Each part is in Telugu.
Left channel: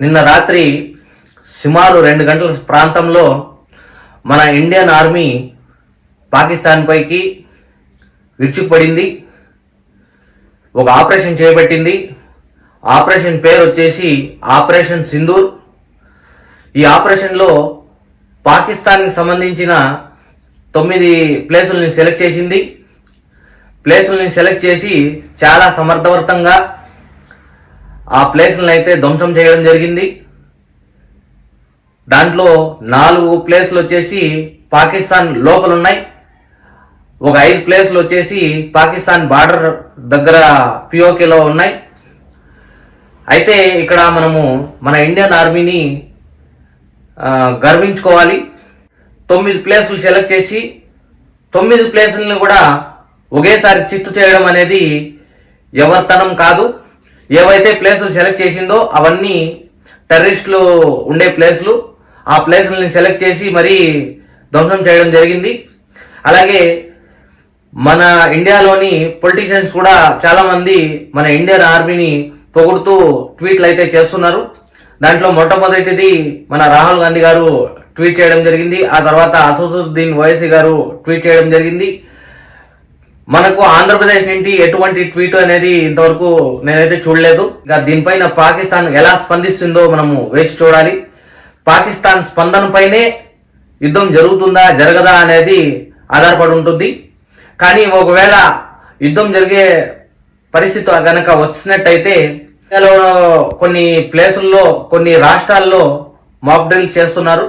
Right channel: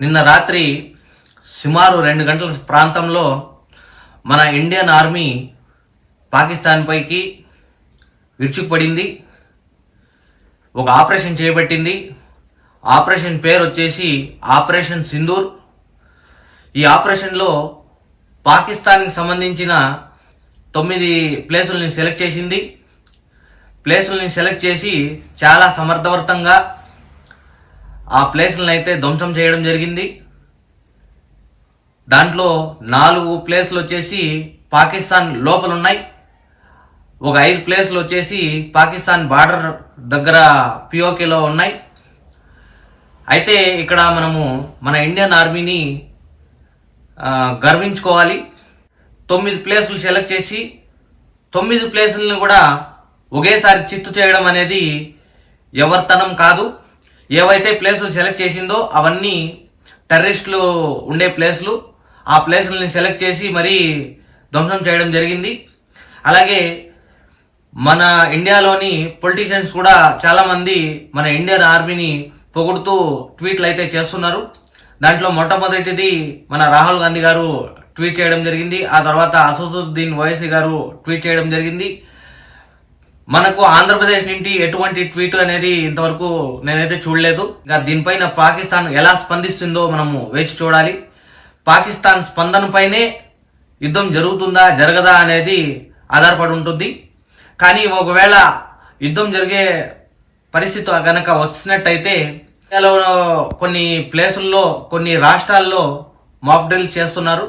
నిన్న రాత్రి సుమారు 2 గంటల ప్రాంతంలో మన ఇండియన్ ఆర్మీ పాకిస్తాన్ పైకి విరుచుకుపడింది. ఒక ఆపరేషన్ చేపట్టింది. ఆపరేషన్ పేరు వచ్చేసి ఆపరేషన్ సింధూర్. ఈ ఆపరేషన్లో పాకిస్తాన్కి సంబంధించిన 9 ప్లేసుల్ని సెలెక్ట్ చేసింది. ప్లేసుల్ని సెలెక్ట్ చేసి చాలా సమర్థవంతంగా ఆ ప్లేసులను అయితే ధ్వంసం చేయడం జరిగింది. దాంట్లో 4 ప్లేసులు వచ్చేసి పాకిస్తాన్ లోపల ఉన్నాయి. ఒక 5 ప్లేసులు వచ్చేసి పాకిస్తాన్ బార్డర్ దగ్గర పిఓకేలో ఉన్నాయి. అయితే ఇక్కడ మనము మన ఇండియన్ ఆర్మీని గర్వించుకోవాలి. 9 ప్లేసులు సెలెక్ట్ చేసి 9 ప్లేసులను కూడా ఒకేసారి చిత్తు చేయడం అనేది ఎవరితనం కాదు. ఏవైతే ప్లేసులు సెలెక్ట్ చేసిందో అవన్నీ టెర్రరిస్టులు ఉండే ప్లేసులు. ఆ ప్లేసులని సెలెక్ట్ చేసి మరీ ధ్వంసం చేయడం జరిగింది. అలాగే మన ఇండియాలోని పొలిటీషియన్స్ కూడా చాలామంది మన ఇండియన్ ఆర్మీని పొగుడుతూ ట్వీట్లు అయితే చేస్తున్నారు. దాంట్లో మొట్టమొదటిది మన రాహుల్ గాంధీ గారు ట్వీట్ చేయడం జరిగింది. ఆ తర్వాత అసదుద్దీన్ ఓవైసీ గారు ట్వీట్ చేయడం జరిగింది. మనకు ఆంధ్రప్రదేశ్ నుండి ఎటువంటి ట్వీట్ అనేది ఇంతవరకు నేనైతే చూడలేదు. దీనిపైన పాకిస్తాన్ ఎలా స్పందిస్తుందో మనము వేచి చూడాలి. పాకిస్తాన్ స్పందనపైనే యుద్ధం జరుగుతుందా జరగదా అనేది ఆధారపడి ఉంటుంది. కానీ ఒకవేళ యుద్ధం జరిగే పరిస్థితి కనుక వచ్చినట్టయితే కొన్ని ప్లేసుల్లో కొన్ని రాష్ట్రాల్లో మాక్ డ్రిల్స్ చేస్తున్నారు.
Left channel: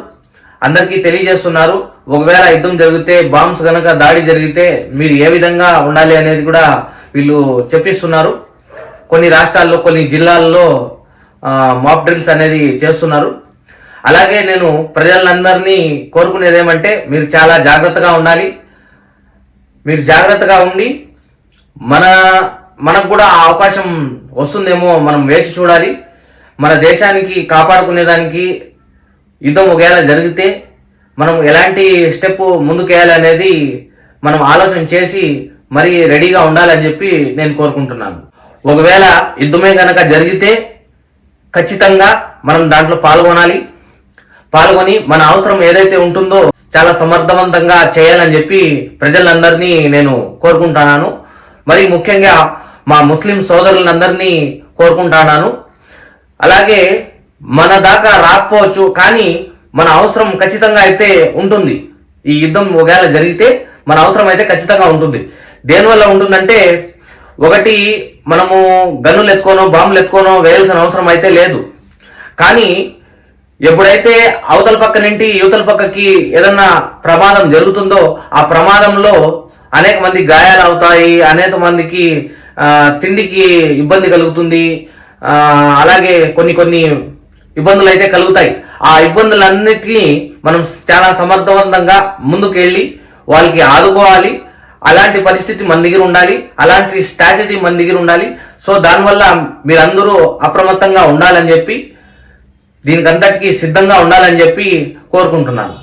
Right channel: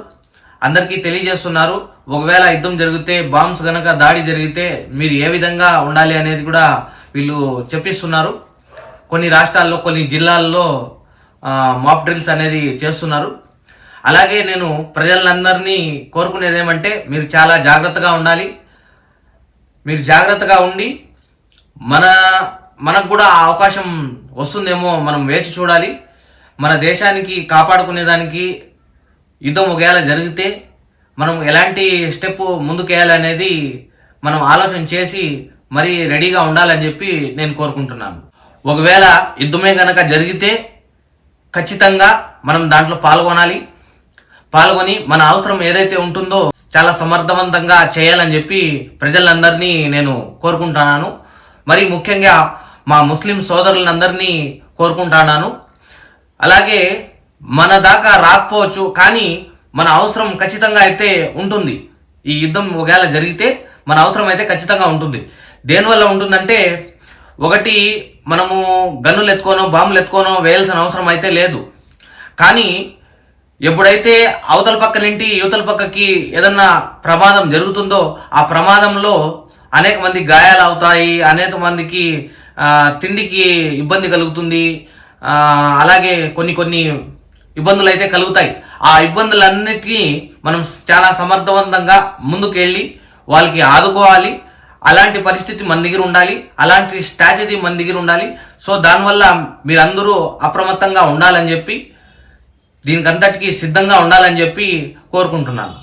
అందరికీ తెలియజేస్తున్నారు. ఒకవేళ యుద్ధం జరిగితే బాంబ్స్ గనక దాడి జరిగితే మీరు ఏ విధంగా ఉండాలి అనేది కూడా వీళ్ళు చెప్పిస్తున్నారు. కొన్ని రాష్ట్రాల్లో కొన్ని జిల్లాల్లో మాక్ డ్రిల్స్ అనేది చేస్తున్నారు. అలాగే నేను ప్రజలందరినీ కోరుకునేది ఏమంటే మీరు చాలా జాగ్రత్తగా ఉండాలి. మీరు జాగ్రత్తగా ఉండి మనకు కూడా ఆ అవకాశం వస్తుందేమో మనం వేచి చూడాలి. మన దేశానికి కాపాడుకునేదానికి యుద్ధం ఒకవేళ జరిగితే మనం ఎలాంటి స్టెప్ ముందుకేయాలి అనేది మనం ఆలోచన చేసి మరీ రెడీగా ఉండాలని చెప్పి నేను కోరుకుంటున్నాను. ఒకవేళ యుద్ధమే కనుక జరిగితే ఖచ్చితంగా మనం దాంట్లో పాల్గొని మన అవసరం ఏదైతే ఉంటుందో చాలా సమర్థవంతంగా చేయాలని చెప్పి ప్రజలందరినీ నేను కోరుకుంటున్నాను. మరి ముఖ్యంగా మా ముస్లిం సోదరులందరినీ కోరుకుంటున్నాను. అలాగే మన దాకా రాకపోవచ్చు కానీ మన అవసరం ఖచ్చితంగా అయితే ఉంటుంది. ఈ యుద్ధం ఒకవేళ జరిగితే మన అవసరం అయితే ఖచ్చితంగా ఉంటుంది. దేనివల్ల ఉంటుందంటే, ఒకటి మనము గన్నులు ఎత్తుకోనో బాంబులు ఎత్తుకోనో వేయాల్సిన అవసరం అయితే లేదు. కానీ ఎప్పుడైతే అవతల పక్క నుండి యువతల పక్కకి ఏదన్నా ప్రమాదం జరుగుతుందో ఆ ప్రమాదంలో అనేక మంది గాయాలు అవుతాయి. అనేక మందికి తిండికి ఇబ్బంది కలుగుతుంది. అలాగే కొన్ని ఇబ్బందులు అయితే కలుగుతాయి. ఆ ఇబ్బందులన్నిటికీ మనం చాలా సమర్థవంతంగా ముందుకెళ్ళి వాళ్ళకి ఆదుకోవాలి. అలాంటి పరిస్థితి మన దగ్గర ఉండాలి. అలాంటి స్ట్రాటజీ మన దగ్గర ఉండాలి. సో దానివల్ల మీరందరూ అప్రమత్తంగా ఉండాలని చెప్పి దీనికంతటికీ సిద్ధంగా ఉండాలని చెప్పి కోరుకుంటున్నాను.